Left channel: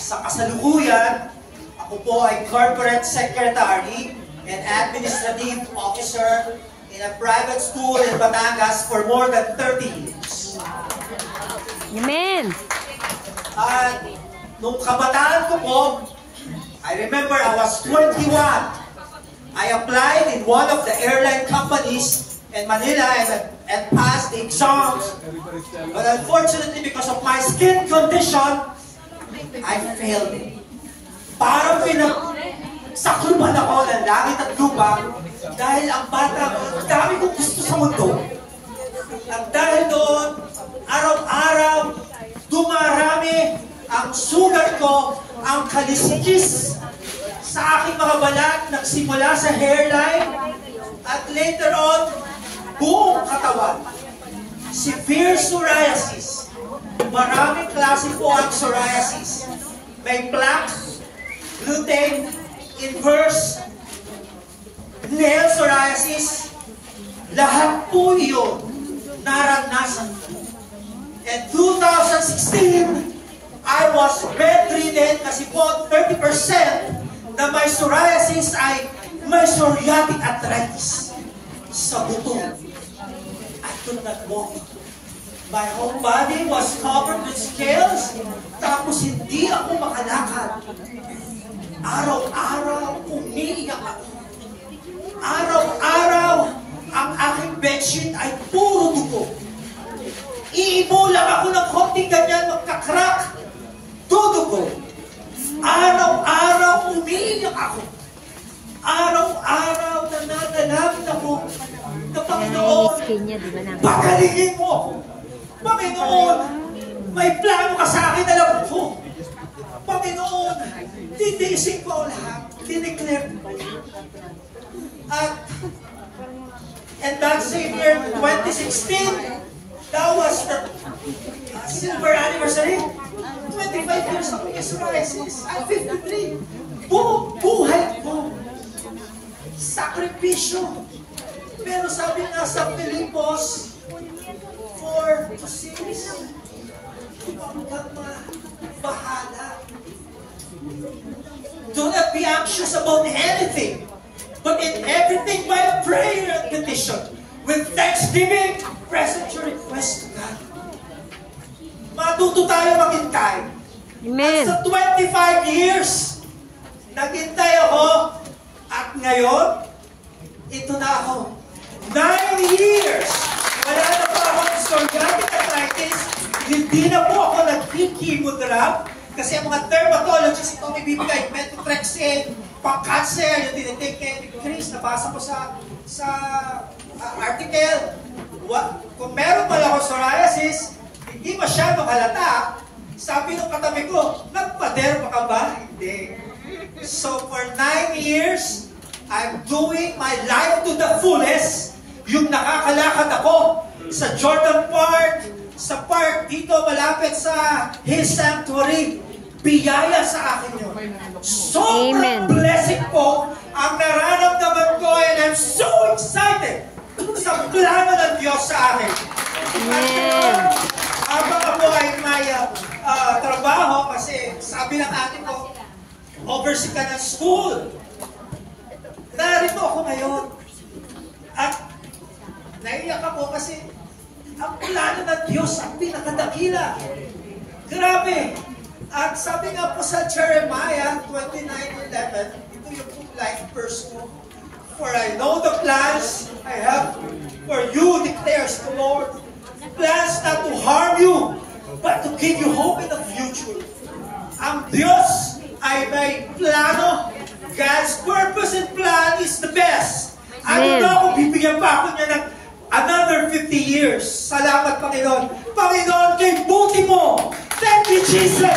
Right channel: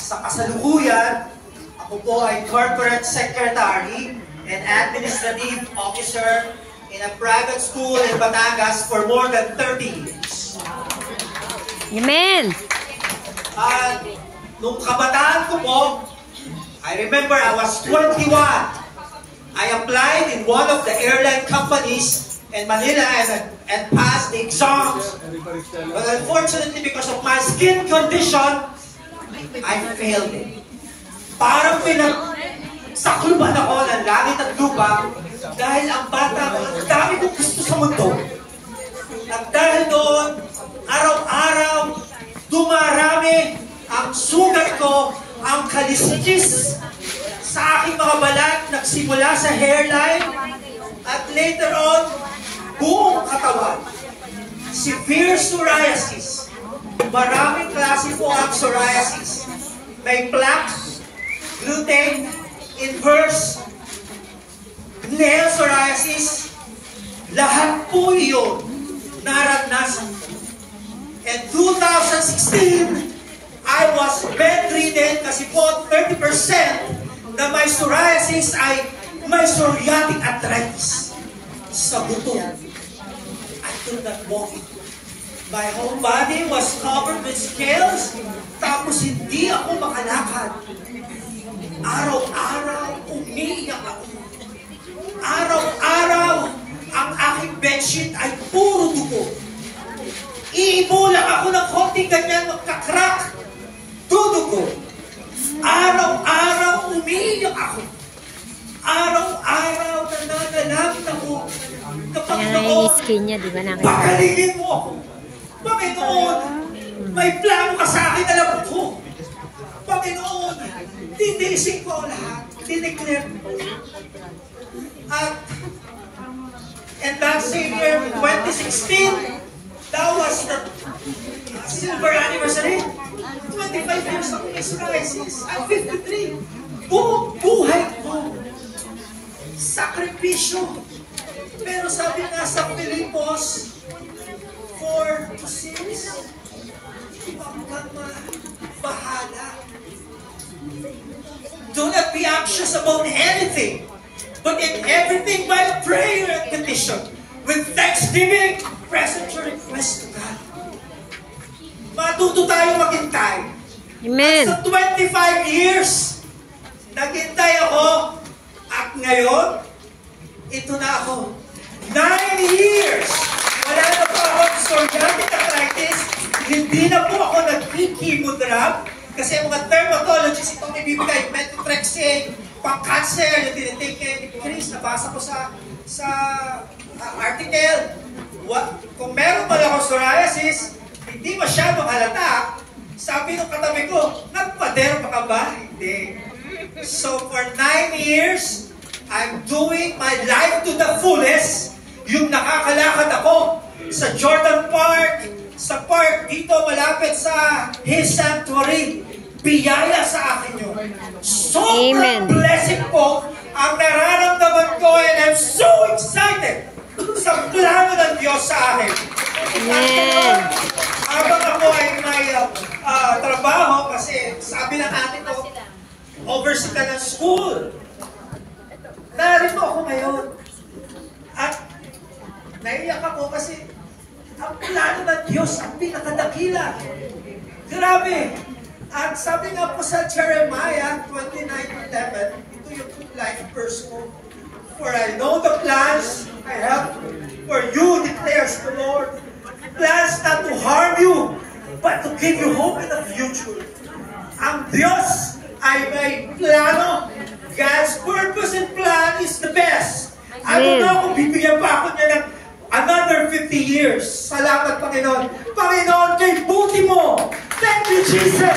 Sa kasalukuyan, ako po ay Corporate Secretary and Administrative Officer in a private school in Batangas for more than 30 years. Amen! At nung kabataan ko po, I remember I was 21. I applied in one of the airline companies in Manila and passed the exams. But unfortunately, because of my skin condition, I failed it. Parang pinagsakluban ako ng langit at lupa dahil ang bata ko, ang dami kong gusto sa mundo. At dahil doon, araw-araw, dumarami ang sugat ko, ang kaliskis sa aking mga balat, nagsimula sa hairline, at later on, buong katawan. Severe psoriasis. Maraming klase po ang psoriasis. May plaques, gluten, inverse, nail psoriasis. Lahat po iyon naranasan. In 2016, I was bedridden kasi po 30% na may psoriasis ay may psoriatic arthritis sa buto. I could not walk. My whole body was covered with scales, tapos hindi ako makalakad. Araw-araw, umiiyak ako. Araw-araw, ang aking bedsheet ay puro dugo. Iibo lang ako ng konting ganyan, magkakrak. Dudugo. Araw-araw, umiiyak ako. Araw-araw, nananalangin ako. Panginoon, pagalingin mo ako. Panginoon, may plano ka sa akin, alam ko. Panginoon, titiisin ko ang lahat. Dineclare ko. At, and that same year, 2016, that was the silver anniversary. 25 years of psoriasis. I'm 53. Buhay ko. Sakripisyo. Pero sabi nga sa Pilipos, 4-6, huwag kang bahala. Do not be anxious about anything, but in everything by prayer and petition, with thanksgiving, present your request to God. Matuto tayo maghintay. Amen. At sa 25 years, naghintay ako, at ngayon, ito na ako. 9 years! Wala na po akong psoriatic arthritis. Hindi na po ako nag-chemotherapy. Kasi ang mga dermatologists itong ibibigay, methotrexate, pang-cancer, yung tinitake ni Chris, nabasa ko sa article. Kung meron pala akong psoriasis, hindi masyadong halata. Sabi ng katabi ko, nagpa-derma ka ba? Hindi. So for 9 years, I'm doing my life to the fullest. Yung nakakalakad ako sa Jordan Park, sa park dito malapit sa His Sanctuary. Biyaya sa akin yun. Sobrang blessing po ang nararamdaman ko, and I'm so excited sa plano ng Diyos sa akin. Amen. Habang ako ay may trabaho, kasi sabi ng ate ko, oversee ka ng school. Narito ako ngayon. At naiyak ako kasi ang plano ng Diyos ang pinakadakila. Grabe! At sabi nga po sa Jeremiah 29:11, ito yung life verse ko. For I know the plans I have for you, declares the Lord. Plans not to harm you, but to give you hope in the future. Ang Diyos ay may plano. God's purpose and plan is the best. Ano na kung bibigyan pa ako niya ng another 50 years. Salamat, Panginoon. Panginoon, kay buti mo. Thank you, Jesus.